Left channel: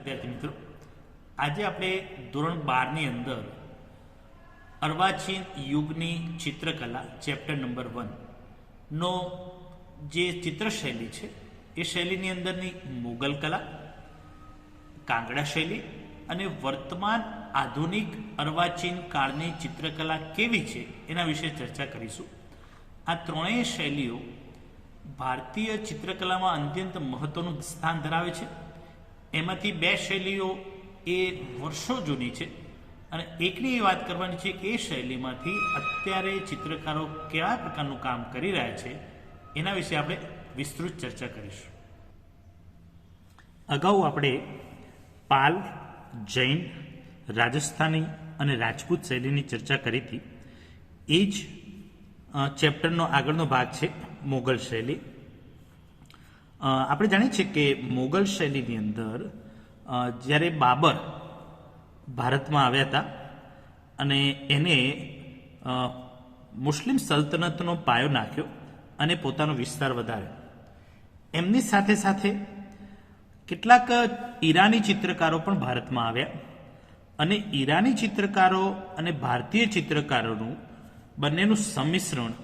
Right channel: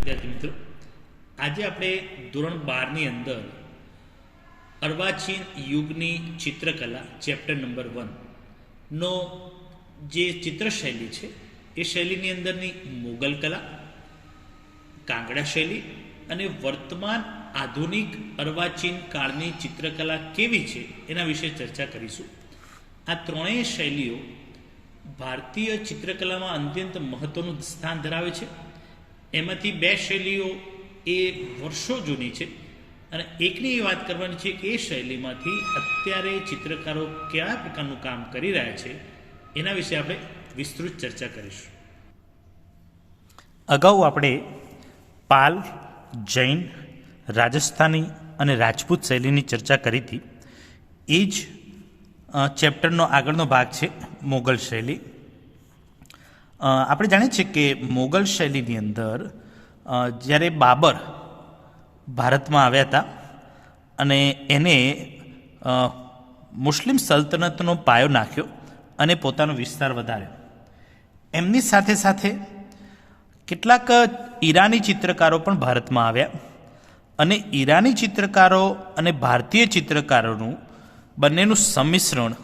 વિદ્યાર્થી મિત્રો, આજે આપણે ધોરણ 12ની અંદર અર્વાચીન યુગની ચિત્રકલા ચેપ્ટર નંબર 1 નો જે ચિત્રશૈલી છે એ શૈલીની અંદરની મુગલ કલા, કાંગડા શૈલી અને વર્તમાન આધુનિક અર્વાચીન કાળની ચિત્રકલા કેવી છે એના વિશે ચર્ચા કરીશું. આ ત્રણેય શૈલીઓ ભારતીય ચિત્રકલામાં અત્યંત મહત્વનું સ્થાન ધરાવે છે. એમાંથી બે શૈલીઓ એ વર્ષો જૂની છે અને એકની એ વાત કરવાની છે કે એ શૈલીમાંથી અત્યારે ચિત્રકારો કયા પ્રકારનું કામ કરી રહ્યા છે એના વિશે આપણે વિસ્તૃત ચર્ચા કરીશું. અગાઉ આપણે પાલ, જૈન, રાજસ્થાની અને રાજપૂત શૈલીની ચર્ચા કરી હતી. એ જ ચેપ્ટરનો આગળનો ભાગ છે મોગલ શૈલી. આપણે જાણીએ છીએ કે મોગલ શૈલીની અંદર જ્યારે બાબર ભારતમાં આવ્યા હતા અને એને મુસ્લિમ સલ્તનતનો પાયો નાખ્યો અને પોતાનો વિસ્તાર વધાર્યો. એમની સાથે સાથે કેટલાક ઈરાની ચિત્રકારો પણ ભારતમાં આવ્યા અને ઈરાની ચિત્રકારો અને ભારતીય ચિત્રકારોનું બંનેનું સંમિશ્રણ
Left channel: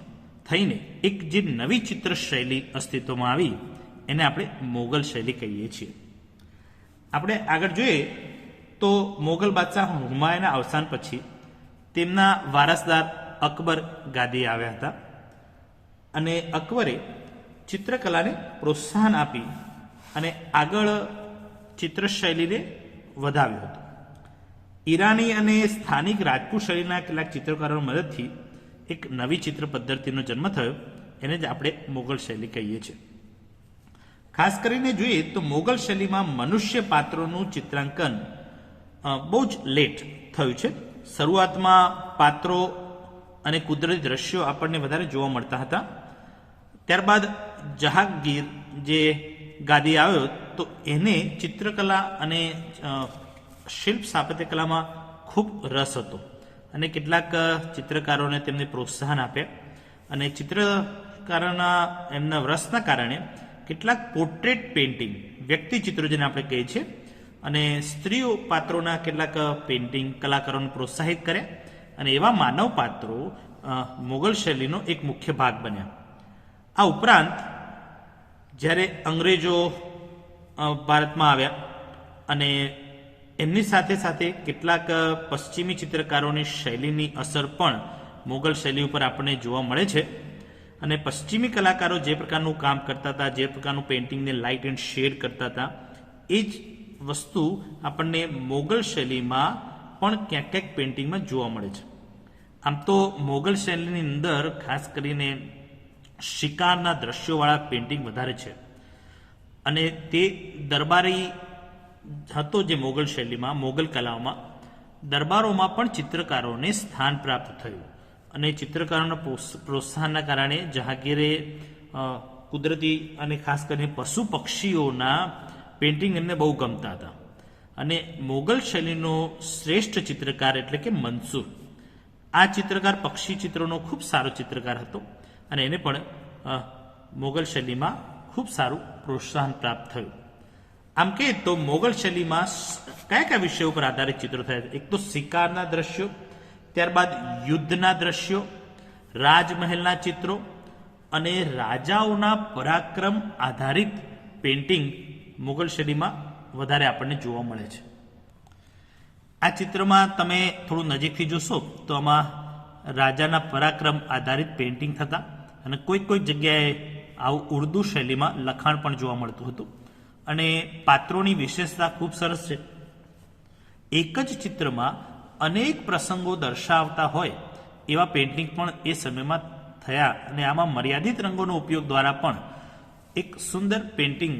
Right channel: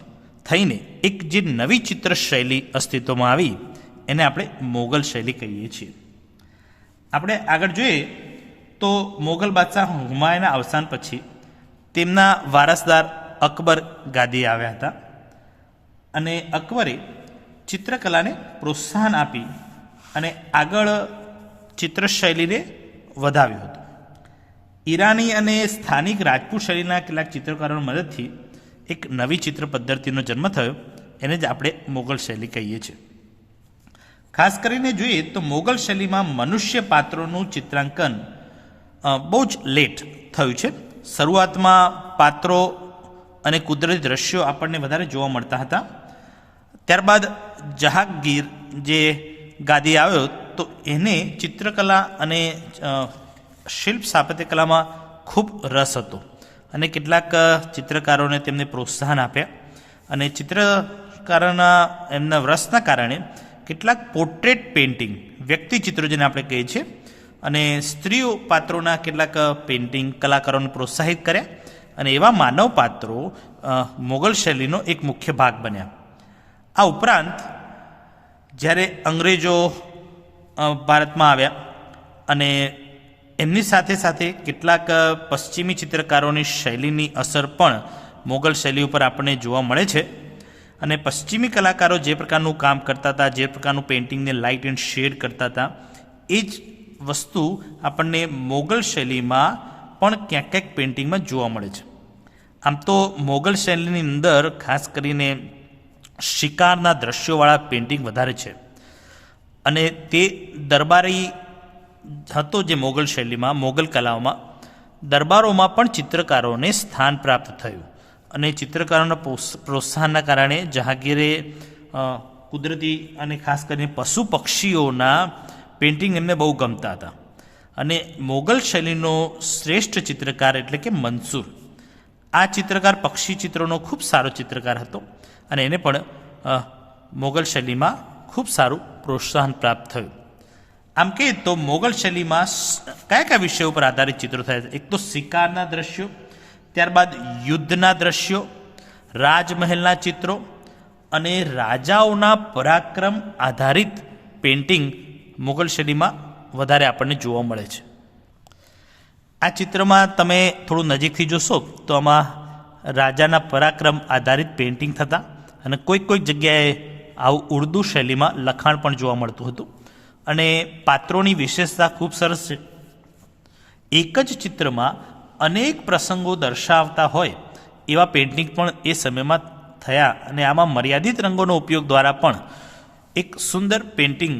થઈને એક જે નવી ચિત્ર શૈલી અસ્તિત્વમાં આવી એને આપણે મોગલ શૈલી કહીએ છીએ. આપણે આગળ જોઈએ તો મોગલ બાદશાહ હુમાયુના અવસાન પછી તેમના વારસદાર અકબર ગાદીએ આવ્યા હતા અને અકબરે ચિત્રકલાને પ્રોત્સાહન આપી અને આગળ ચિત્રશૈલીને વધાવ્યું હતું. ઈરાની અને સ્થાનિક રાજપૂત શૈલીના કેટલાક ચિત્રકારોની મદદથી એક નવી ચિત્ર પદ્ધતિનો જન્મ થયો, એને જ આપણે મોગલ શૈલી કહીએ છીએ. ખાસ કરીને જોઈએ તો મોગલ શૈલીમાં મનુષ્ય પાત્રોનું ચિત્રાંકન બહુ જ લેટ થયું છે. શરૂઆતમાં પાત્રો અને કુદરતી દ્રશ્યો આપણને વધારે જોવા મળતા હતા. ત્યારબાદ જહાંગીર જે ગાદી આવ્યો તો એને ચિત્રકલા અને શિલ્પ સ્થાપત્ય કલામાં ખૂબ રસ હતો અને કેટલાક ચિત્રકારોને તેમને પ્રોત્સાહન આપ્યા અને ચિત્રકારોના એમના રસના કારણે કેટલાક પોર્ટ્રેટ પેઇન્ટિંગ, વ્યક્તિ ચિત્રો જેને આપણે કહીએ છીએ, અને સ્ત્રીઓ પાત્રોના કેટલાક પેઇન્ટિંગ કલાકારોને પ્રોત્સાહિત કર્યા અને એવા માનવ પાત્રો મોગલ શૈલીનો એક મુખ્ય ભાગ બન્યા. આ ઉપરાંત જ્યારે અંગ્રેજો ભારતમાં આવ્યા અને એમની સાથે સાથે કેટલાક પશ્ચિમી ચિત્રકારોની શૈલીની અસર પણ મોગલ શૈલી ઉપર આપણને જોવા મળે છે અને પશ્ચિમી કલાકારો જે પ્રકારનું કામ કરતા હતા, જે પ્રકારનું પેઇન્ટિંગને લાઇટ એન્ડ શેડ કરતા હતા, એ જ વસ્તુ આપણને મોગલ શૈલીમાં પણ ક્યાંક ક્યાંક પેઇન્ટિંગમાં જોવા મળે છે. આમ તો મોગલ શૈલીની અંદર ખાસ કરીને શિકારના દ્રશ્યોવાળા પેઇન્ટિંગ વધારે છે અને તે દરબારી હતો જે મોગલ શૈલીમાં, મોગલ કલાઓમાં દરબારોમાં પણ ચિત્રકારોને સ્થાન પ્રાપ્ત થયું અને ચિત્રકારોના પ્રોત્સાહનના કારણે જહાંગીરે કુદરતી અને ખાસ કરીને પશુ પક્ષીઓના પેઇન્ટિંગ એમને બહુ ગમતા હતા અને મોગલ શૈલીનો શ્રેષ્ઠ ચિત્રકાર એટલે કે મંસૂર, આ ચિત્રકાર પક્ષી ચિત્રોનો ખૂબ સારો ચિત્રકાર હતો અને એને પણ મોગલ શૈલીમાં ખૂબ સારું પ્રોત્સાહન પ્રાપ્ત થયું. આમ કે તો મોગલ શૈલીમાં કયા કયા વિષયો ઉપર આધારિત ચિત્રો થયા છે? એક તો શિકારના દ્રશ્યો, ત્યારબાદ યુદ્ધના દ્રશ્યો, રાજમહેલના ચિત્રો અને રાજાઓના પરાક્રમ આધારિત પેઇન્ટિંગ મોગલ શૈલીમાં વધારે આપણને જોવા મળે છે. આ ચિત્રમાં તમે થોડું નજીકથી જોશો તો આમાં રાજાના પરાક્રમ આધારિત પેઇન્ટિંગ થતા અને કોઈક જગ્યાએ આવું ઉર્દુ શૈલીમાં લખાણ પણ જોવા મળતું હતું અને પાત્રોની વિશેષતા ખૂબ સરસ છે. એક જ ચિત્રમાં અનેક પ્રસંગો દર્શાવતા હોય એવા પેઇન્ટિંગ પણ એ સમયમાં થયા અને આમાં મર્યાદિત રંગોનો ઉપયોગ દ્વારા પણ એક સુંદર પેઇન્ટિંગ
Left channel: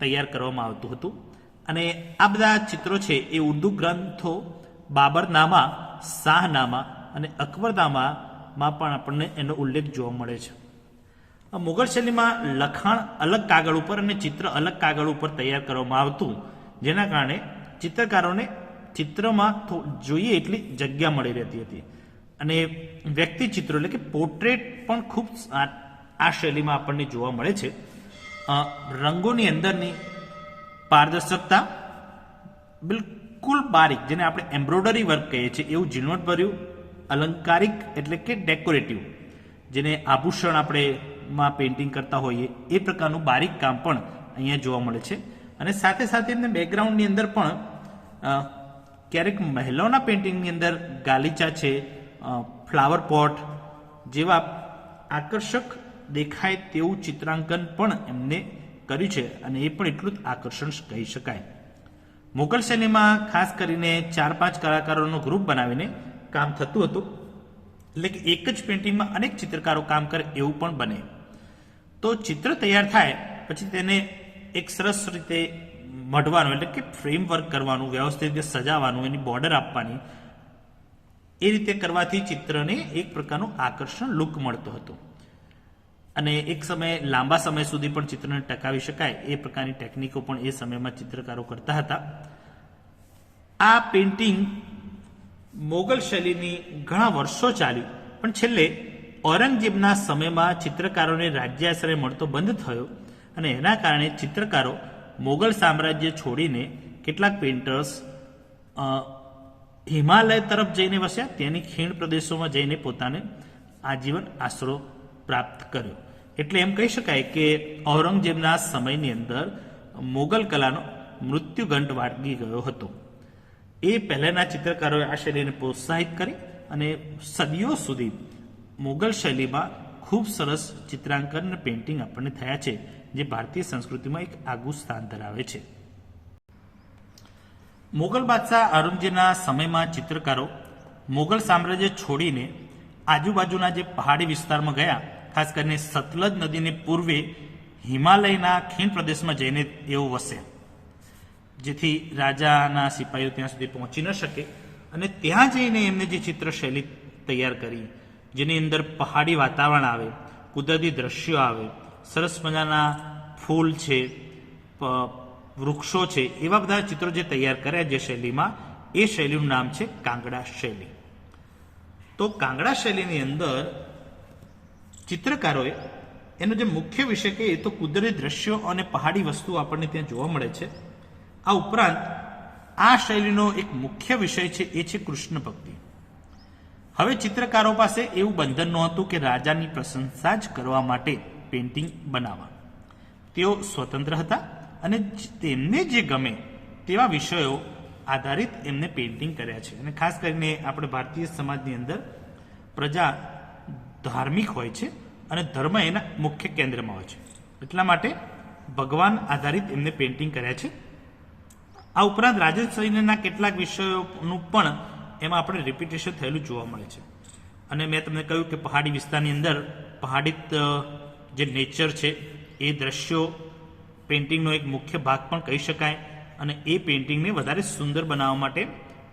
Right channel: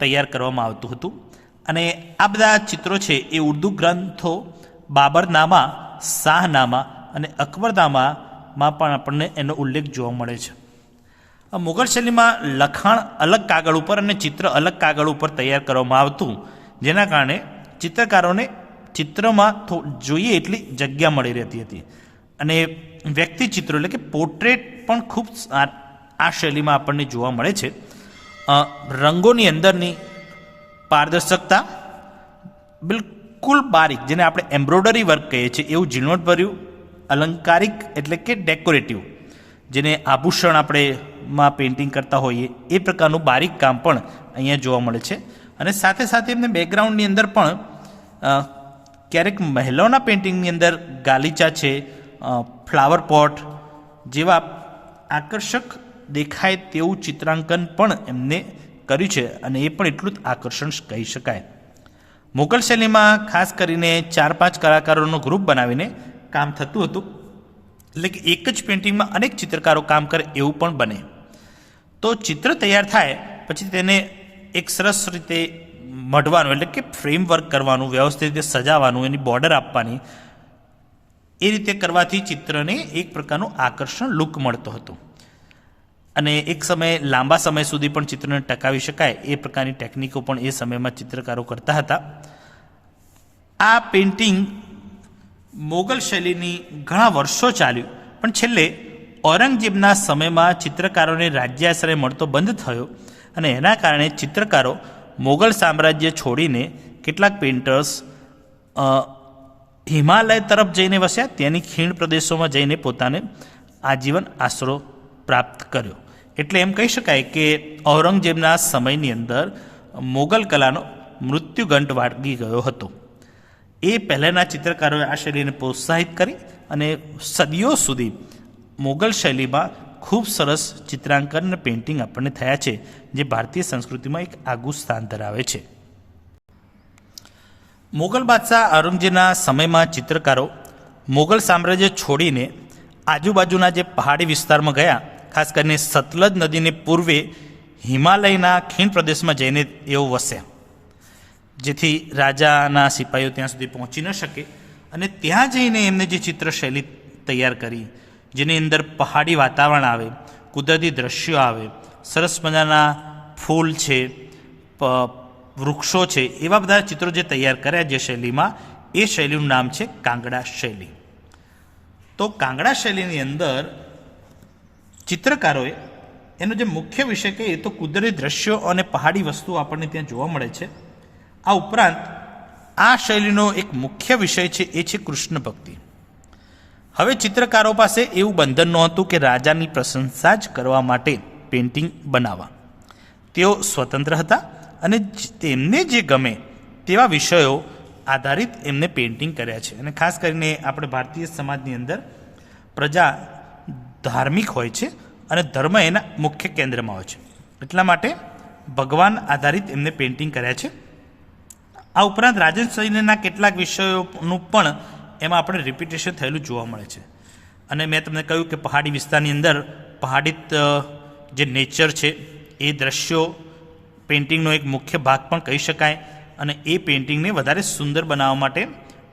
તૈયાર કરવામાં આવતું હતું. અને આ બધા ચિત્રો છે એ ઉર્દુ ગ્રંથો બાબરનામા, શાહનામા અને અકબરનામામાં પણ આપણને એનો ઉલ્લેખ જોવા મળે છે. મુગલ શૈલીમાં લખાણ અલગ કાગળ ઉપર અને ચિત્ર અલગ કાગળ ઉપર તૈયાર કરવામાં આવતું, જેના કારણે ચિત્રકારોને ચિત્રમાં જોઈએ એટલી જગ્યા મળી રહેતી હતી અને વ્યક્તિ ચિત્રો એટલે કે પોર્ટ્રેટ પણ ખૂબ આ શૈલીમાં આપણને જોવા મળે છે. રંગોની અંદરની પારદર્શકતા, બિલકુલ બારીક, જેને આપણે એમ્બ્રોઇડરી વર્ક કહીએ છીએ, એવું ઝીણવટભર્યું અલંકારિક એટલે કે ડેકોરેટિવ, જેને આભૂષણ આપણે માં પેઇન્ટિંગ કરતા હોઈએ એ પ્રકારનું બારીક કામ પણ અહીંયા જોવા મળે છે. અને સાથે સાથે એમને બેકગ્રાઉન્ડની અંદર પણ ક્યારેક મહિલાઓના પેઇન્ટિંગની અંદર ગાલીચા છે, ફ્લાવર પોટ જેવા આકર્ષક દેખાય તેવું ચિત્રાંકન પણ એમને કર્યું છે, અને એ પણ એટલું જ આકર્ષણ કહી શકાય. મુઘલ શૈલીમાં ખાસ કરીને 4-5 કલાકારોનો ગ્રુપ બનાવીને કામ થતું હતું, એટલે કે એક જ પેઇન્ટિંગમાં અનેક ચિત્રકારો કામ કરે એવું પણ બને. તો ચિત્ર તૈયાર થાય પછી તેને એક સરસ રીતે મઢવાનું, એટલે કે ફ્રેમવર્ક કરવાનું, વ્યવસ્થિત રીતે સજાવવાનું, એની બોર્ડર આપવાની, એ રીતે કરવાથી ચિત્રને એક પ્રકારનું આકર્ષણ લુક મળતો હતો. અને એક સમયે લાંબા સમય સુધી પણ ચિત્રને ટકાવી શકાય એ પ્રકારની ટેકનિકો પણ એ સમયમાં ચિત્રકારો કરતા હતા. આ પેઇન્ટિંગ મોગલ શૈલીની ઘણા વર્ષો ચાલ્યું, પણ છેલ્લે ઔરંગઝેબના સમયમાં ચિત્રકારોને રાજ્યાશ્રય મળતો બંધ થયો, અને એના કારણે ચિત્રકારો મોગલ સામ્રાજ્ય છોડીને કેટલાક પેઇન્ટર્સ હિમાલય તરફ જઈને વસ્યા, ત્યાંની ખીણ પ્રદેશોમાં જઈને પોતાને આજીવન આશરો પ્રાપ્ત કર્યો. એટલે એમ કહી શકાય કે ઔરંગઝેબના સમયની અંદર મોગલ કલાનો મૃત્યુગંટ વાગી ગયો હતો. એ પહેલાંના ચિત્રકારોએ આ શૈલીને પ્રોત્સાહિત કરી અને સદીઓ સુધી મોગલ શૈલીમાં ખૂબ સરસ ચિત્રાંકન અને પેઇન્ટિંગ આપણને થયા છે, જે ભારતીય સંસ્કૃતિમાં એક આગવું સ્થાન ધરાવે છે. મોગલ બાદશાહ ઔરંગઝેબના સમયમાં ચિત્રકારો મોગલ સામ્રાજ્ય છોડીને આજુબાજુના જે પહાડી વિસ્તારમાં ગયા, ખાસ કરીને સતલજ નદીને પૂર્વે હિમાલયના ખીણ પ્રદેશમાં જઈને એઓ વસ્યા, જેથી રાજાના સિપાહીઓ ત્યાં સુધી પહોંચી ન શકે. અને ત્યાં જઈને એમને જે ચિત્રશૈલી તૈયાર કરી, જેની અંદર પહાડી વાતાવરણ આવે, કુદરતી દ્રશ્યો આવે, સરસ મજાના ફૂલ છે, વૃક્ષો છે, એવા બધા ચિત્રો જે તૈયાર કર્યા જે શૈલીમાં, એ શૈલીનું નામ છે કાંગડા શૈલી. તો કાંગડા શૈલીની અંદર ચિત્રકારોએ એનો જે મુખ્ય વિષય કે એ તો કુદરતી દ્રશ્યો અને પહાડી વસ્તુઓ આપણને ત્યાં જોવા મળે છે. આ ઉપરાંત આ શૈલીનો એક મુખ્ય વિષય છે એ છે કૃષ્ણ ભક્તિ. હવે ચિત્રકારો પાસે એવું બંધન નહોતું કે રાજાની પ્રશંસા જ કરવા માટે પેઇન્ટિંગ બનાવવા. તેઓ સ્વતંત્ર હતા અને તેમને જે ગમે તેવા વિષયો આધારિત એમને પેઇન્ટિંગ કર્યા છે. અને ખાસ કરીને આપણે ભારતીય સમાજની અંદર પ્રજા ધાર્મિક હોય છે અને ધર્મ એના મુખ્ય કેન્દ્રમાં હોય છે, એટલા માટે ભગવાન આધારિત એમને પેઇન્ટિંગ કર્યા છે. આ ઉપરાંત રાજનશૈલીના કેટલાક વિષયોનું પણ એમાં આપણે રિપીટેશન થયેલું જોવા મળે છે. અને મેં તમને કહ્યું કે પહાડી વિસ્તારની અંદર પહાડિત જે નેચર છે એ દ્રશ્યો પેઇન્ટિંગનો એક મુખ્ય ભાગ પણ કહી શકાય, અને એ પેઇન્ટિંગને વધારે સુંદર બનાવવા માટે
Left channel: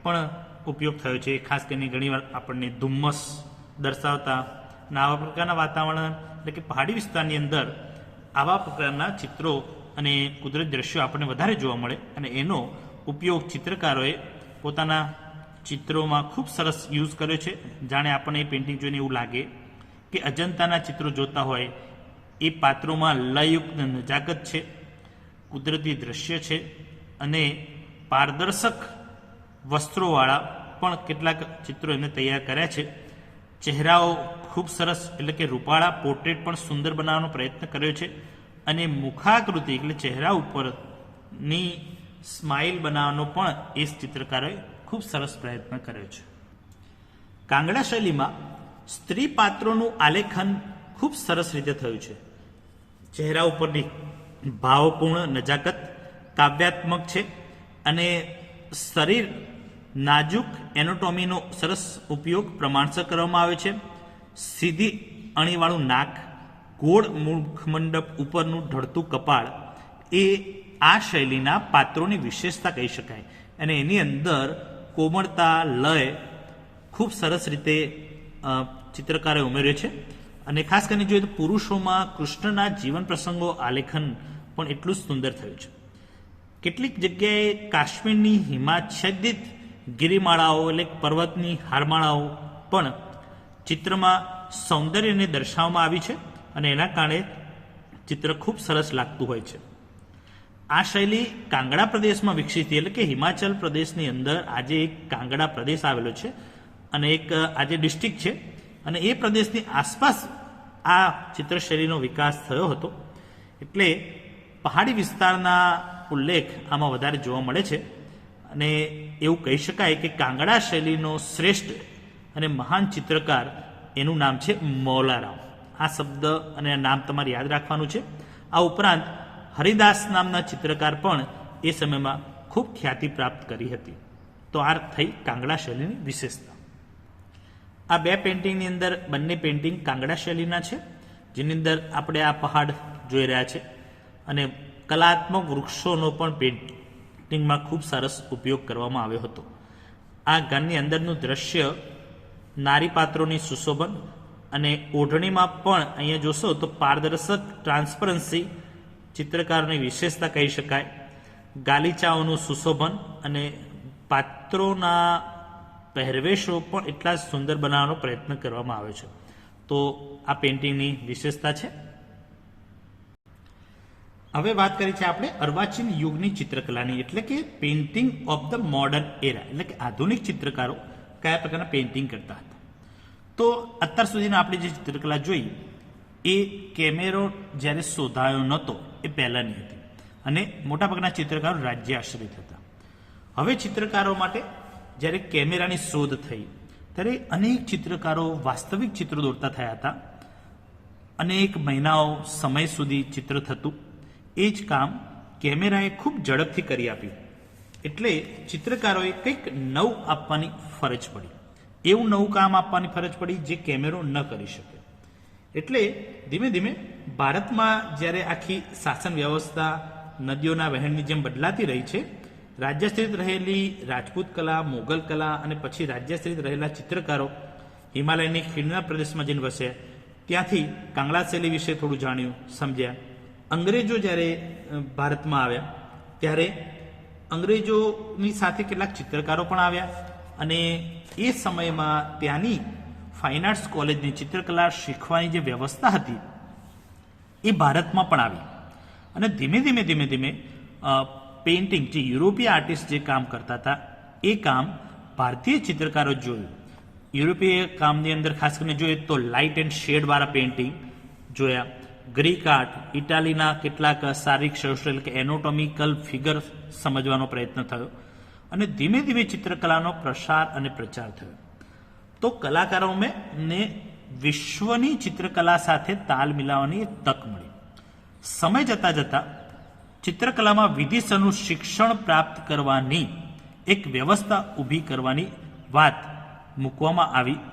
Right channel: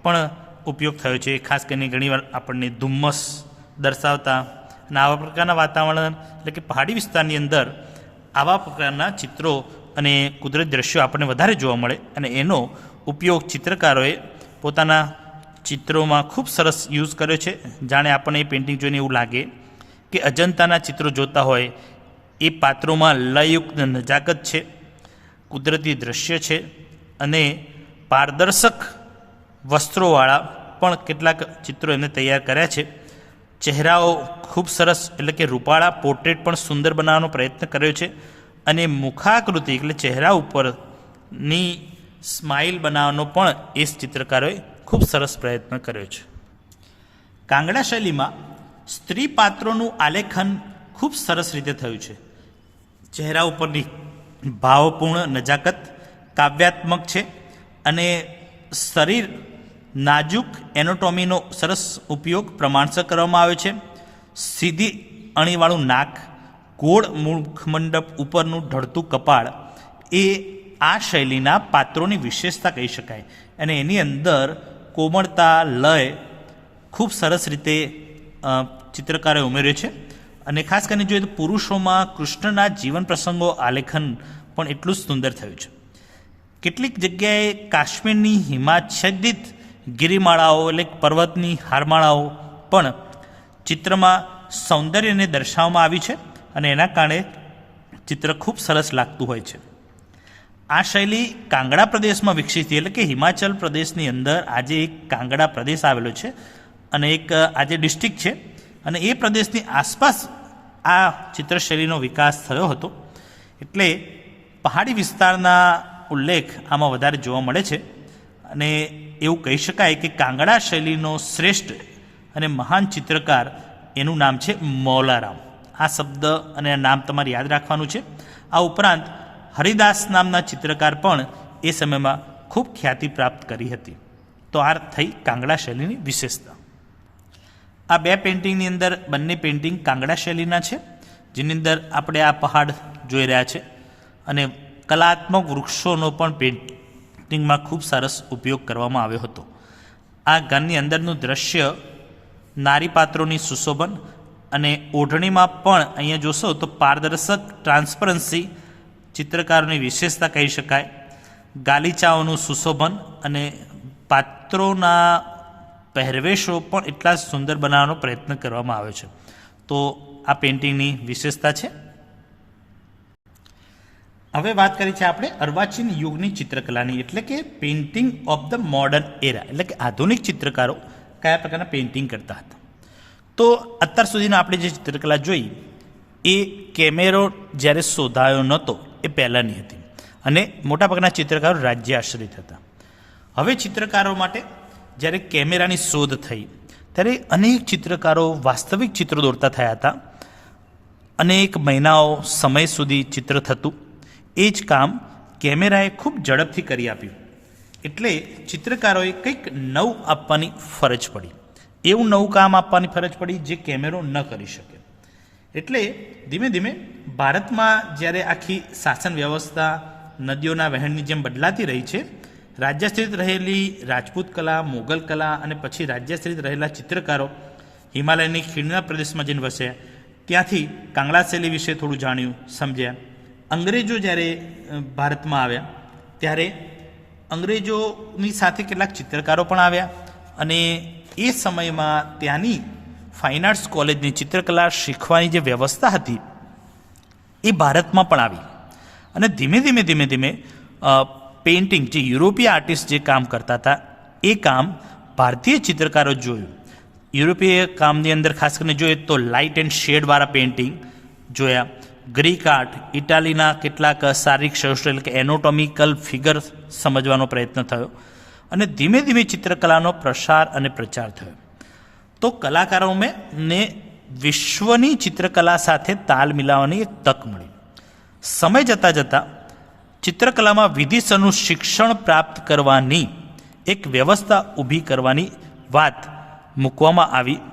પણ ઉપયોગ થયો છે. ખાસ કરીને ઘણીવાર આપણને ધુમ્મસ દર્શાવતા અને આવા પ્રકારના વાતાવરણ, એટલે કે પહાડી વિસ્તારની અંદર આવા પ્રકારના ચિત્રો અને કુદરતી દ્રશ્યો આપણને વધારે જોવા મળે, અને એનો ઉપયોગ ચિત્રકારોએ પોતાના ચિત્રોમાં ખૂબ સરસ યુઝ કર્યો છે. જાણે આપણને એ પેઇન્ટિંગ જોઈને એવું લાગે કે અજંતાના ચિત્રો જોતા હોય, એ પાત્રોમાં લયયુક્ત નજાકત છે, કુદરતી દ્રશ્ય છે, અને પારદર્શક વસ્ત્રોવાળા પણ કેટલાક ચિત્રો એમને તૈયાર કર્યા છે. ચહેરાઓ ખૂબ સરસ, એટલે કે રૂપાળા પોર્ટ્રેટ પણ સુંદર બનાવવાનો પ્રયત્ન કર્યો છે, અને મુખાકૃતિ એટલે ચહેરા ઉપરની સ્માઇલ બનાવવાનો પણ એ ચિત્રકારોએ ખૂબ સરસ પ્રયત્ન કર્યો છે. કાંગડા શૈલીમાં સ્ત્રી પાત્રોનું આલેખન ખૂબ સરસ રીતે થયું છે. ચહેરા ઉપરની ભાવપૂર્ણ નજાકત કાવ્યાત્મક છે, અને શરીર નાજુક એનોટોમીનો સરસ ઉપયોગ પ્રમાણસર કરવામાં આવ્યો છે. સીધી અણીવાળું નાક, ગોળ મુખમંડપ ઉપરનું ઢળતું કપાળ એ આ શૈલીના પાત્રોની વિશેષતા કહી શકાય. અને એની અંદર કોમળતા, લય ખૂબ સરસ રીતે ચિત્રકારે ઉમેર્યો છે. અને ખાસ કરીને જોઈએ તો પુરુષોમાં કૃષ્ણના જીવન પ્રસંગો આલેખન પણ એટલું જ સુંદર થયું છે. કેટલીક જગ્યાએ કાશ્મીરની હિમાચ્છાદિત ગિરિમાળાઓ એટલે પર્વતની હારમાળાઓ પણ ચિત્રમાં સૌંદર્યને દર્શાવવામાં આવી છે, અને એના કારણે ચિત્ર ખૂબ સરસ લાગતું હોય છે. આ શૈલી કાંગડા પ્રદેશમાં વિકસિત થઈ, એટલે કે હિમાચલ પ્રદેશની અંદર આજે એક કાંગડા પ્રદેશ આવેલો છે અને એક આજે ડિસ્ટ્રિક્ટ છે, અને એ પ્રદેશની આસપાસ આ ચિત્રશૈલીનો વિકાસ થયો હતો. એટલે પહાડી વિસ્તારના ઉલ્લેખ આમાં વધારે જોવા મળે છે અને એવું કહી શકાય કે કાંગડા શૈલીનો શ્રેષ્ઠ અને મહાન ચિત્રકાર એનું નામ છે મૌલારામ. આ શબ્દ અને આ નામ તમારે યાદ રાખવાનું છે. આ ઉપરાંત હરિદાસ નામના ચિત્રકાર પણ એ સમયમાં ખૂબ ખ્યાતિ પ્રાપ્ત કરી હતી. તો આ થઈ કાંગડા શૈલીની વિશેષતા. આ બે પેઇન્ટિંગની અંદર બંને પેઇન્ટિંગ કાંગડા શૈલીના છે, જેની અંદર આપણે આ પહાડ જોઈ રહ્યા છે અને કલાત્મક વૃક્ષોનો પણ પેઇન્ટિંગમાં ખૂબ સરસ ઉપયોગ કરવામાં આવ્યો હતો. આ ઘરની અંદરનું દ્રશ્ય નારી પાત્રોની સુશોભન અને ઓઢણીમાં પણ અહીંયા જોશો તો પારદર્શક ટ્રાન્સપરન્સી ચિત્રકારોની વિશેષતા કહી શકાય. ગાલીચાઓનું સુશોભન અને પાત્રોના પહેરવેશો પણ એટલા જ સુંદર બનાવવાનો પ્રયત્ન કરવામાં આવ્યો છે. તો આ પેઇન્ટિંગની વિશેષતા છે. હવે વાત કરી છે આપણે અર્વાચીન યુગની ચિત્રકલાની, એટલે કે પેઇન્ટિંગ ઓફ ધ મોડર્ન એરા, એટલે કે આધુનિક ચિત્રકારો કયા પ્રકારના પેઇન્ટિંગ કરતા હતા. તો અત્યાર સુધીનો આપણે જે ચિત્રકલા જોઈ એ કેમેરો જ્યારે શોધાયો નહોતો એ પહેલાંની હતી અને મોટાભાગના ચિત્રકારો રાજ્ય આશ્રિત હતા. હવે ચિત્રકારો માટે જ્યારે કેમેરાની શોધ થઈ ત્યારે અનેક ચિત્રકારો વાસ્તવિક ચિત્રો દોરતા થયા હતા. અનેક મહિનાઓ સમય સુધી ચિત્ર થતું. એ જ કામ કેમેરાએ ખૂબ ઝડપથી કરી આપ્યું. એટલે ચિત્રકારોએ કંઈક નવું આપવાની ફરજ પડી. એવું નવું કામ આપવાની ફરજ પડી જે કેમેરો ન કરી શકે. એટલે ધીમે ધીમે ભારતમાં જ્યારે આખી શાસન વ્યવસ્થા નદીઓના વહેણની જેમ બદલાતી રહી છે, રાજ્યાશ્રિત રહેલી રાજપૂત કલા, મોગલ કલા અને પછી રાજ્યાશ્રિત રહેલા ચિત્રકારો હિમાલયની ખીણના પ્રદેશમાં જઈને વસ્યા. ત્યાંથી કાંગડા શૈલી વિશે થોડું જાણ્યું, સમજ્યા. અંગ્રેજો જ્યારે ભારતમાં આવ્યા ત્યારે અંગ્રેજોની સાથે કેટલાક ચિત્રકારો પણ આવ્યા અને એ સમયમાં ત્યાંની ફાઇન આર્ટ્સ કોલેજની ચિત્રકલા શીખવાની જે વ્યવસ્થા હતી એ ભારતમાં પણ આવી અને ધીમે ધીમે ધીમે ધીમે પેઇન્ટિંગ જે યુરોપીય આર્ટિસ્ટ જે કામ કરતા હતા એ કામ ભારતીય ચિત્રકારો જોયું. યુરોપીય કામની અંદર ખાસ કરીને જોઈએ તો લાઇટ એન્ડ શેડવાળા પેઇન્ટિંગ જોયા. ગ્રીક આર્ટ, ઇટાલીના કેટલાક શારીરિક શાસ્ત્ર એટલે કે એનોટોમિકલ ફિગર સમજવાનો પ્રયત્ન થયો અને ધીમે ધીમે ચિત્રકલાનો પ્રસાર અને પ્રચાર થયો. તો કલાકારોને વિશ્વની ચિત્રકલા સાથે તાલ મિલાવવાની એક તક મળી. સમય જતાં જતાં ચિત્રકલામાં વિધિસરનું શિક્ષણ પ્રાપ્ત કરવાની એક વ્યવસ્થા ઊભી કરવાની વાત મૂકવામાં આવી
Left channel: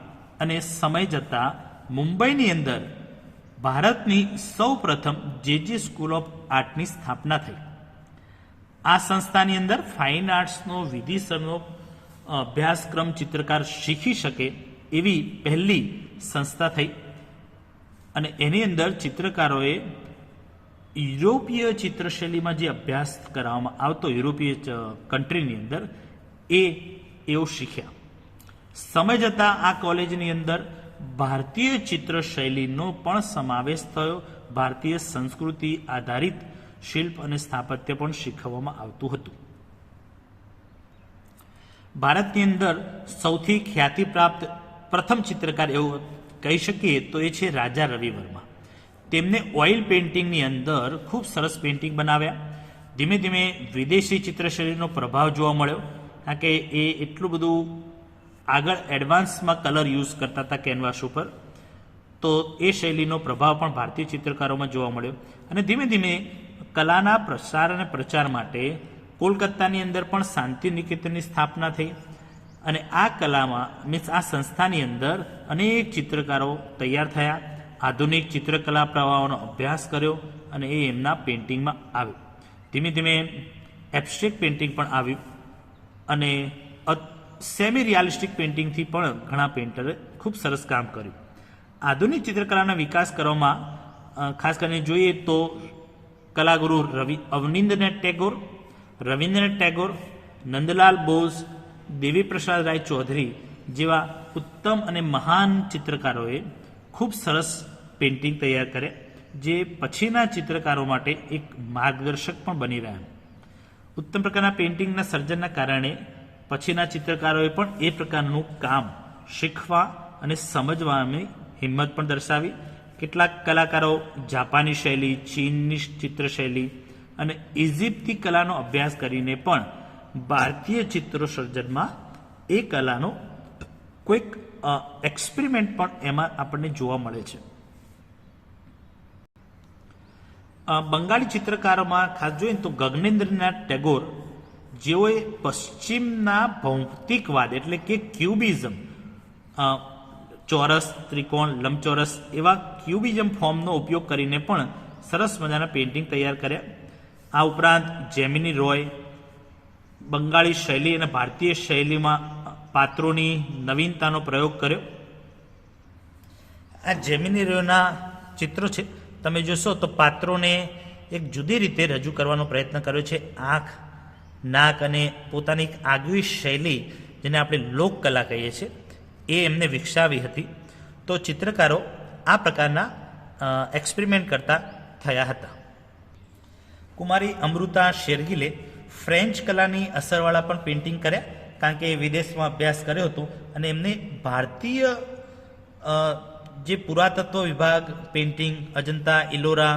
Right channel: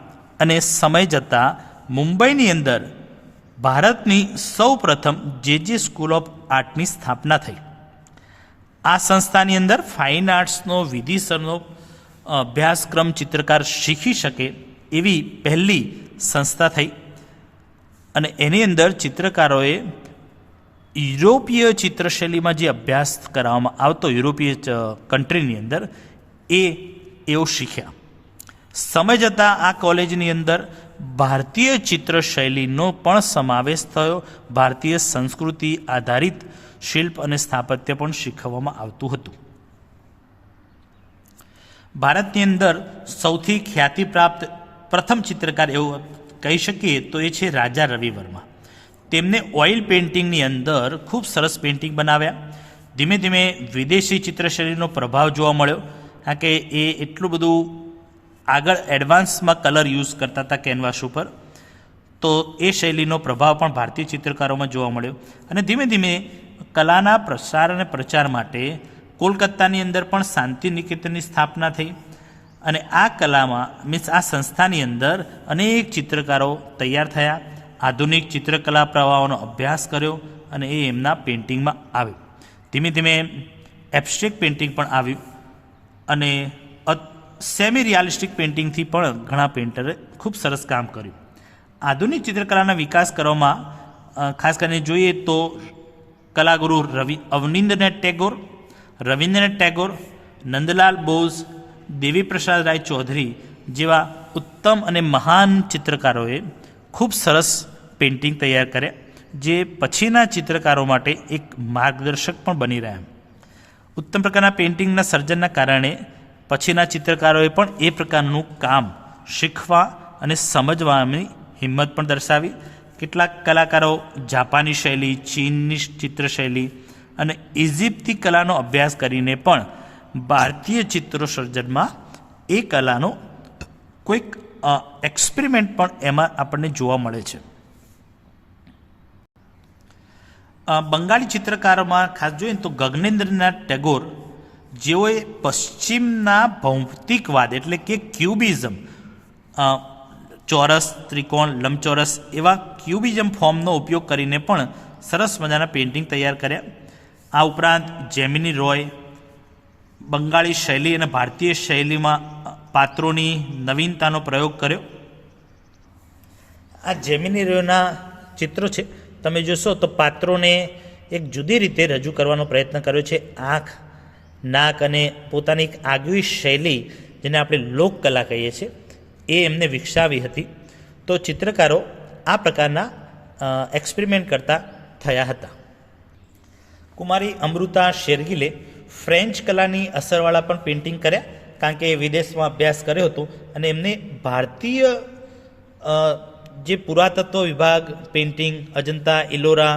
અને સમય જતાં મુંબઈની અંદર ભારતની સૌ પ્રથમ જે સ્કૂલ ઓફ આર્ટની સ્થાપના થઈ. આ સંસ્થાની અંદર ફાઇન આર્ટ્સનો વિધિસરનો અભ્યાસક્રમ ચિત્રકાર શીખી શકે એવી પહેલી સંસ્થા થઈ અને એની અંદર ચિત્રકારોએ યુરોપીય ચિત્રશૈલીમાં જે અભ્યાસ કરાવવામાં આવતો યુરોપીય કન્ટ્રીની અંદર એઓ શીખ્યા. સમય જતાં આ કોલેજની અંદર ભારતીય ચિત્રશૈલીનો પણ સમાવેશ થયો. ભારતીય સંસ્કૃતિ આધારિત શિલ્પ અને સ્થાપત્ય પણ શીખવવામાં આવતું હતું. ભારતની અંદર સૌથી ખ્યાતિ પ્રાપ્ત પ્રથમ ચિત્રકાર એવું કહી શકીએ તો એ છે રાજા રવિ વર્મા. તેમને ઓઇલ પેઇન્ટિંગની અંદર ખૂબ સરસ પેઇન્ટિંગ બનાવ્યા. ધીમે ધીમે વિદેશી ચિત્રશૈલીનો પ્રભાવ જોવા મળ્યો, કારણ કે એ એટલું બધું આગળ એડવાન્સમાં કલર યુઝ કરતા હતા કેનવાસ ઉપર. તો એ શૈલીનો પ્રભાવ પણ ભારતીય ચિત્રકારોમાં જોવા મળ્યો અને ધીમે ધીમે કલાના પ્રસાર અને પ્રચાર માટે કોલકાતાની અંદર પણ શાંતિ નિકેતનની સ્થાપના થઈ અને આ કલામાં આ સંસ્થાની અંદર અનેક ચિત્રકારો તૈયાર થયા. આધુનિક ચિત્રકલા પ્રવાહોનો અભ્યાસ કર્યો અને એ એમના પેઇન્ટિંગમાં આવ્યો. ધીમે ધીમે એબ્સ્ટ્રેક્ટ પેઇન્ટિંગ પણ આવ્યું અને સેમી રિયાલિસ્ટિક પેઇન્ટિંગથી પણ ઘણા પેઇન્ટરે ખૂબ સરસ કામ કર્યું. આધુનિક ચિત્રકલાના વિકાસ કરવામાં ખાસ કરીને જોઈએ તો કલાગુરુ રવિન્દ્રનાથ ટેગોર, નંદલાલ બોઝ, દેવી પ્રસાદ રાય ચૌધરી જેવા ઉત્તમ અને મહાન ચિત્રકારોએ ખૂબ સરસ પેઇન્ટિંગ તૈયાર કર્યા. જે પછીના ચિત્રકારો માટે એક માર્ગદર્શક પણ બની રહ્યા. ઉત્તમ પ્રકારના પેઇન્ટિંગના સર્જનના કારણે પછીના ચિત્રકારોએ પણ એ પ્રકારનું કામ શીખવા અને સમજવાની હિંમત પણ દર્શાવી. કેટલાક કલાકારો જાપાની શૈલી, ચીનની ચિત્રશૈલી અને ઇજિપ્તી કલાનો અભ્યાસ કરીને પણ ભારતીય ચિત્રો સર્જનમાં એ કલાનો કોઈક એક્સપેરિમેન્ટ પણ એમાં આપણને જોવા મળે છે. બંગાળી ચિત્રકારોમાં ખાસ જોઈએ તો ગગનેન્દ્રનાથ ટેગોર જેઓએ પશ્ચિમના ભૌતિકવાદ એટલે કે ક્યુબિઝમ, ચોરસ, ત્રિકોણ, લંબચોરસ એવા ક્યુબિઝમ ફોર્મનો ઉપયોગ કરીને પણ સરસ મજાના પેઇન્ટિંગ તૈયાર કર્યા. આ ઉપરાંત જેમિની રોય બંગાળી શૈલી અને ભારતીય શૈલીમાં પાત્રોની નવીનતાનો પ્રયોગ કર્યો. આ જેમિની રોયના ચિત્રો છે, તમે જોશો તો પાત્રોને એક જુદી રીતે રજૂ કરવાનો પ્રયત્ન કર્યો છે. આંખ, નાક અને પોતાની એક આગવી શૈલી, જેને આપણે લોકકલા કહીએ છીએ, એ એમને વિકસાવી હતી. તો ચિત્રકારો આ પ્રકારના એક્સપેરિમેન્ટ કરતા થયા હતા. કુમારી અમૃતા શેરગિલે ફ્રેન્ચ કલાની અસરવાળા પણ પેઇન્ટિંગ કર્યા, કારણ કે વિદેશમાં અભ્યાસ કર્યો હતો અને એમને ભારતીય જે પુરાતત્વ વિભાગ પેઇન્ટિંગ, અજંતા, ઇલોરા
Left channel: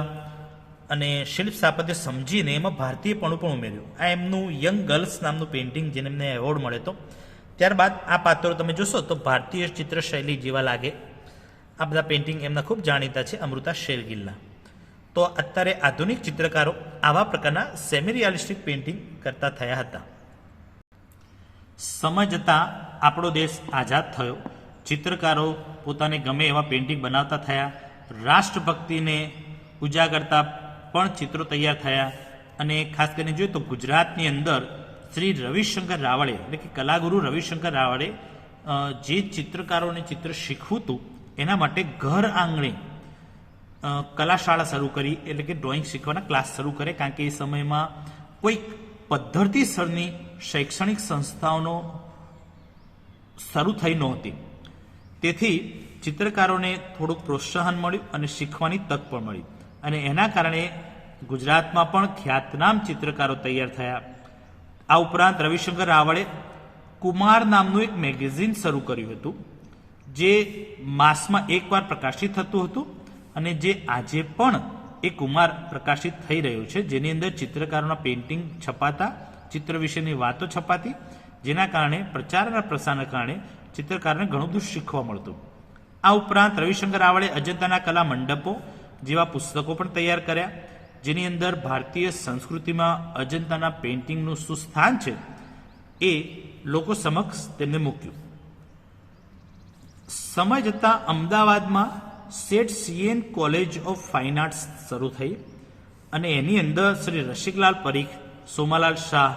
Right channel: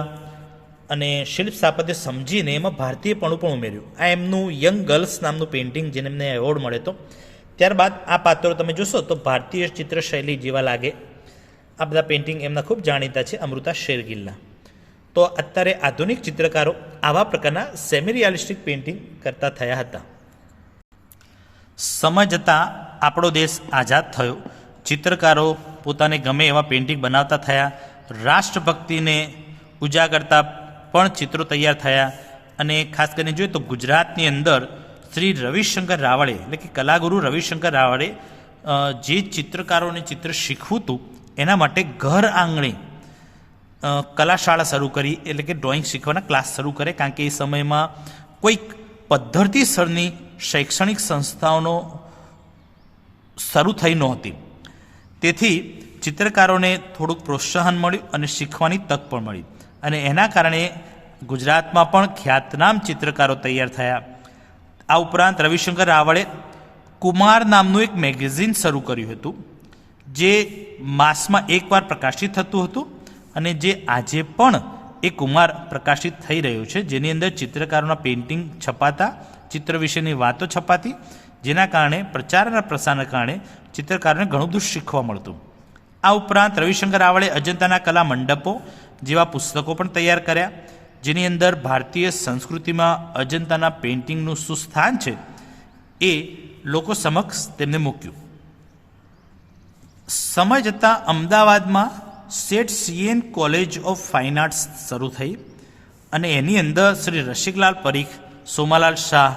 અને શિલ્પ સ્થાપત્ય સમજીને એમાં ભારતીયપણું પણ ઉમેર્યું. આ એમનું યંગ ગર્લ્સ નામનું પેઇન્ટિંગ, જેને એમને એવોર્ડ મળે તો. ત્યારબાદ આ પાત્રો તમે જોશો તો ભારતીય ચિત્રશૈલી જેવા લાગે. આ બધા પેઇન્ટિંગ એમના ખૂબ જાણીતા છે, અમૃતા શેરગિલના. તો અત્યારે આધુનિક ચિત્રકારો આવા પ્રકારના સેમી રિયાલિસ્ટિક પેઇન્ટિંગ કરતા થયા હતા. સમય જતાં આપણો દેશ આઝાદ થયો. ચિત્રકારો પોતાને ગમે એવા પેઇન્ટિંગ બનાવતા થયા. રાષ્ટ્રભક્તિને ઉજાગરતા પણ ચિત્રો તૈયાર થયા. અને ખાસ કરીને જોઈએ તો ગુજરાતની અંદર શ્રી રવિશંકર રાવળે એટલે કે કલાગુરુ રવિશંકર રાવળે જે ચિત્રકારોને ચિત્ર શીખવું હતું એના માટે ઘર આંગણે કલાશાળા શરૂ કરી, એટલે કે ડ્રોઈંગ શીખવાના ક્લાસ શરૂ કરે. કારણ કે એ સમયમાં કોઈક પદ્ધતિસરની શૈક્ષણિક સંસ્થાઓનો શરૂ થઈ નહોતી. તેથી ચિત્રકારોને થોડુંક પ્રોત્સાહન મળ્યું અને શીખવાની તક પણ મળી. અને એના કારણે ગુજરાતમાં પણ ખ્યાતનામ ચિત્રકારો તૈયાર થયા. આ ઉપરાંત રવિશંકર રાવળે કુમાર નામનું એક મેગેઝિન શરૂ કર્યું હતું, જે માસમાં એકવાર પ્રકાશિત થતું હતું અને જે આજે પણ એ કુમાર પ્રકાશિત થઈ રહ્યું છે, જેની અંદર ચિત્રકારોના પેઇન્ટિંગ છપાતા, ચિત્ર વિશેની વાતો છપાતી, જેના કારણે પ્રચાર અને પ્રસારના કારણે ચિત્રકારોને ઘણું બધું શીખવા મળતું. આ ઉપરાંત રવિશંકર રાવળે અજંતાના કલા મંડપો જેવા પુસ્તકો પણ તૈયાર કર્યા, જેની અંદર ભારતીય સંસ્કૃતિમાં અજંતાના પેઇન્ટિંગનું શું સ્થાન છે એ લોકો સમક્ષ તેમને મૂક્યું. સમય જતાં અમદાવાદમાં Seth C N college of fine arts શરૂ થઈ અને એની અંદર શ્રી રસિકલાલ પરીખ, સોમાલાલ શાહ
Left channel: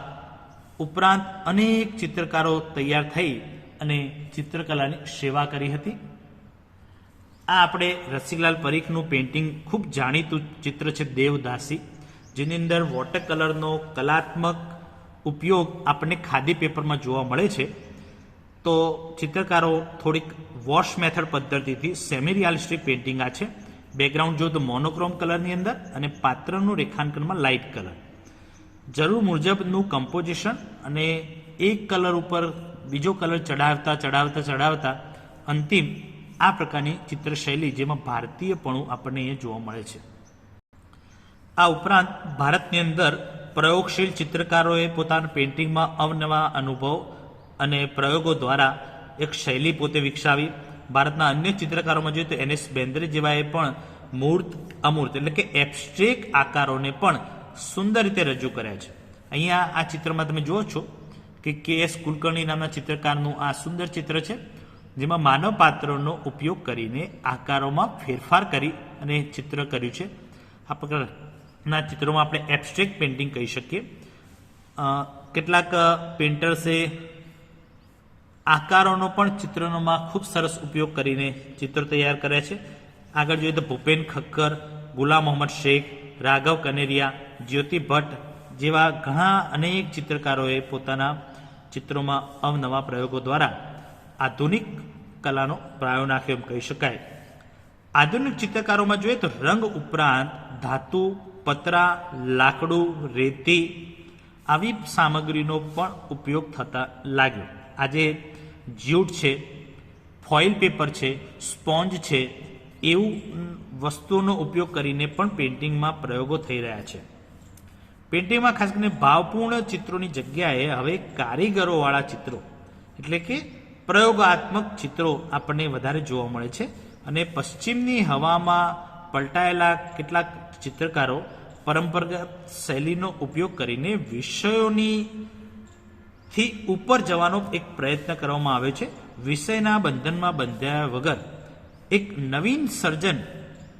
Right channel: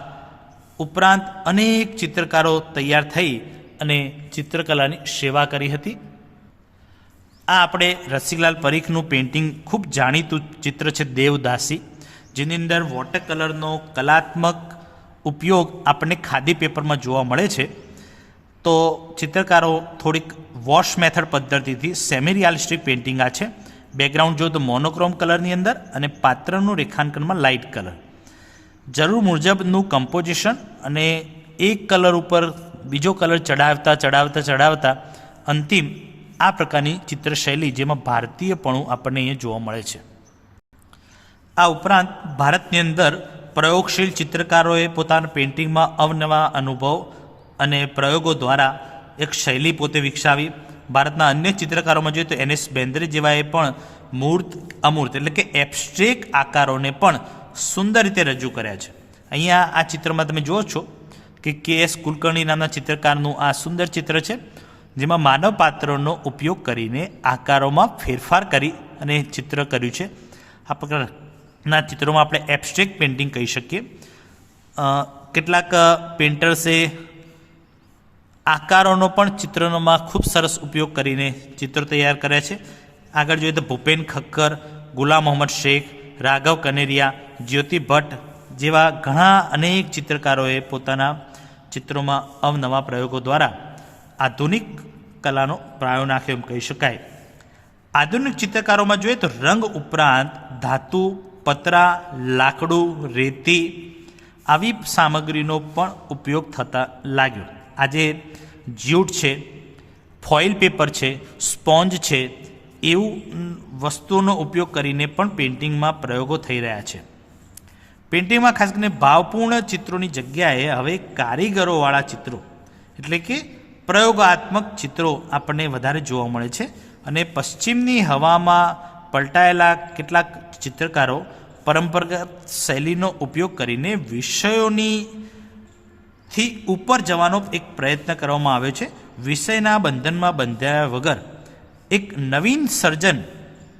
ઉપરાંત અનેક ચિત્રકારો તૈયાર થઈ અને ચિત્રકલાની સેવા કરી હતી. આ આપણે રસિકલાલ પરીખનું પેઇન્ટિંગ ખૂબ જાણીતું ચિત્ર છે દેવદાસી, જેની અંદર વોટર કલરનો કલાત્મક ઉપયોગ આપણને ખાદી પેપરમાં જોવા મળે છે. તો ચિત્રકારો થોડીક વોશ મેથડ પદ્ધતિથી સેમી રિયાલિસ્ટિક પેઇન્ટિંગ આ છે. બેકગ્રાઉન્ડ જો તો મોનોક્રોમ કલરની અંદર અને પાત્રનું રેખાંકનમાં લાઇટ કલર, જરૂર મુજબનું કમ્પોઝિશન અને એક કલર ઉપર બીજો કલર ચડાવતા અંતિમ આ પ્રકારની ચિત્રશૈલી, જેમાં ભારતીયપણું આપણને અહીંયા જોવા મળે છે. આ ઉપરાંત ભારતની અંદર પ્રયોગશીલ ચિત્રકારોએ પોતાના પેઇન્ટિંગમાં અવનવા અનુભવ અને પ્રયોગો દ્વારા એક શૈલી પોતે વિકસાવી. ભારતના અન્ય ચિત્રકારોમાં જોઈએ તો એનએસ બેન્દ્રે જેવાએ પણ મૂર્ત, અમૂર્ત એટલે કે એબ્સ્ટ્રેક્ટ આકારોને પણ સુંદર રીતે રજૂ કર્યા છે. અહીંયા આ ચિત્રમાં તમે જુઓ છો કે કે.એસ. કુલકર્ણી નામના ચિત્રકારનું આ સુંદર ચિત્ર છે, જેમાં માનવ પાત્રનો ઉપયોગ કરીને આકારોમાં ફેરફાર કરી અને ચિત્ર કર્યું છે. આ પ્રકારના ચિત્રોમાં આપણે એબ્સ્ટ્રેક્ટ પેઇન્ટિંગ કહી શકીએ. કેટલાક પેઇન્ટર્સે આકારોનો પણ ચિત્રોમાં ખૂબ સરસ ઉપયોગ કરીને ચિત્રો તૈયાર કર્યા છે. આગળ જોઈએ તો ભૂપેન ખક્કર, ગુલામ મોહમ્મદ શેખ, રાઘવ કનેરિયા, જ્યોતિ ભટ્ટ જેવા ઘણા અનેક ચિત્રકારોએ પોતાના ચિત્રોમાં અવનવા પ્રયોગો દ્વારા આધુનિક કલાનો પ્રાયો નાખ્યો એમ કહી શકાય. આધુનિક ચિત્રકારોમાં જોઈએ તો રંગ ઉપરાંત ધાતુ, પતરા, લાકડું, રેતી આવી સામગ્રીનો પણ ઉપયોગ થતા લાગ્યો. આજે જ્યુટ છે, ફોઇલ પેપર છે, સ્પોન્જ છે, એવું વસ્તુઓનો ઉપયોગ કરીને પણ પેઇન્ટિંગમાં પ્રયોગો થઈ રહ્યા છે. પેઇન્ટિંગમાં ખાસ કરીને ભાવપૂર્ણ ચિત્રોની જગ્યાએ હવે કારીગરોવાળા ચિત્રો એટલે કે પ્રયોગાત્મક ચિત્રો આપણને વધારે જોવા મળે છે. અને પશ્ચિમની હવામાં પલટાયેલા કેટલાક ચિત્રકારો પરંપરાગત શૈલીનો ઉપયોગ કરીને વિષયોથી ઉપર જવાનો એક પ્રયત્ન કરવામાં આવ્યો છે. વિષયના બંધનમાં બંધાયા વગર એક નવીન સર્જન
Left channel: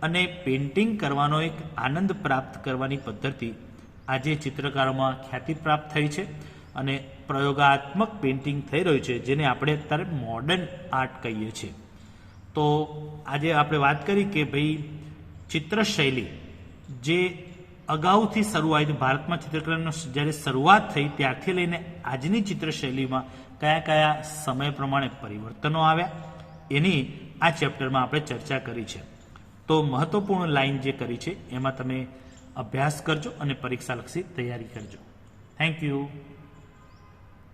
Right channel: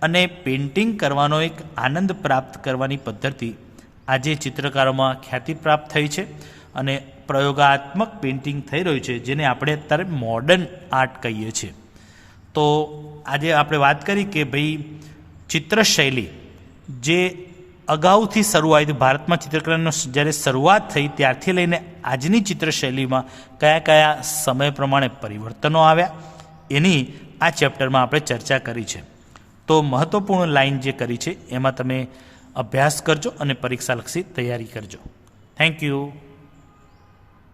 અને પેઇન્ટિંગ કરવાનો એક આનંદ પ્રાપ્ત કરવાની પદ્ધતિ આજે ચિત્રકારોમાં ખ્યાતિ પ્રાપ્ત થઈ છે અને પ્રયોગાત્મક પેઇન્ટિંગ થઈ રહ્યું છે, જેને આપણે અત્યારે મોડર્ન આર્ટ કહીએ છીએ. તો આજે આપણે વાત કરી કે ભાઈ ચિત્રશૈલી જે અગાઉથી શરૂઆત ભારતમાં ચિત્રકલાનો જ્યારે શરૂઆત થઈ ત્યારથી લઈને આજની ચિત્રશૈલીમાં કયા કયા સમય પ્રમાણે પરિવર્તનો આવ્યા એની આ ચેપ્ટરમાં આપણે ચર્ચા કરી છે. તો મહત્ત્વપૂર્ણ લાઈન જે કરી છે એમાં તમે અભ્યાસ કરજો અને પરીક્ષાલક્ષી તૈયારી કરજો. Thank you.